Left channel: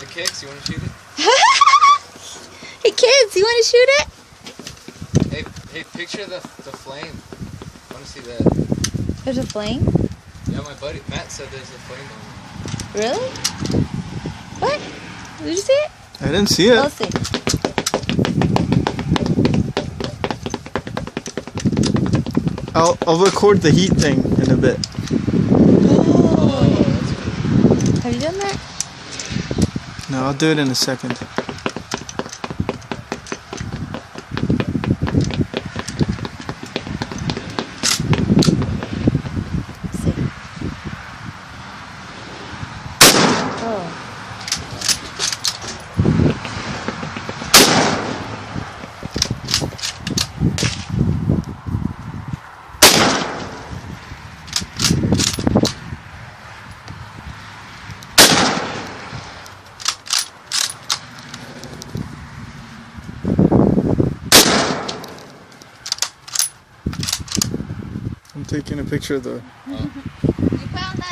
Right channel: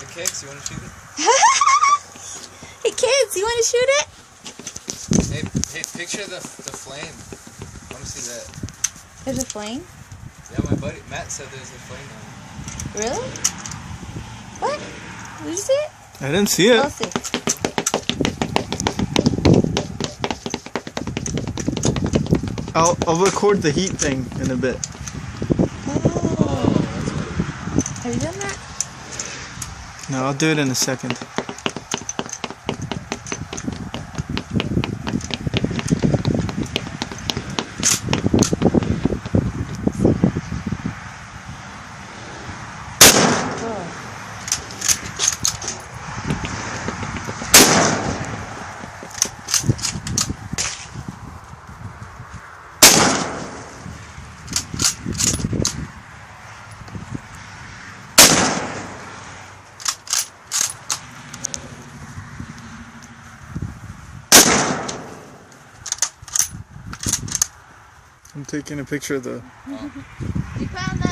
The kicks, you want to shoot it? Hey kids, you want to shoot it? Hey, picture the flame. I want to see that. There's a flame? Yeah, my buddy Matt said there's a flame on it. Really? What? Did you see it? I didn't see it. Let's see. I'll record the heat thing in a bit. Oh, that's cool. Have you done that? No, I'll do it in a second. Oh. I'm taking a picture of the Oh. You found the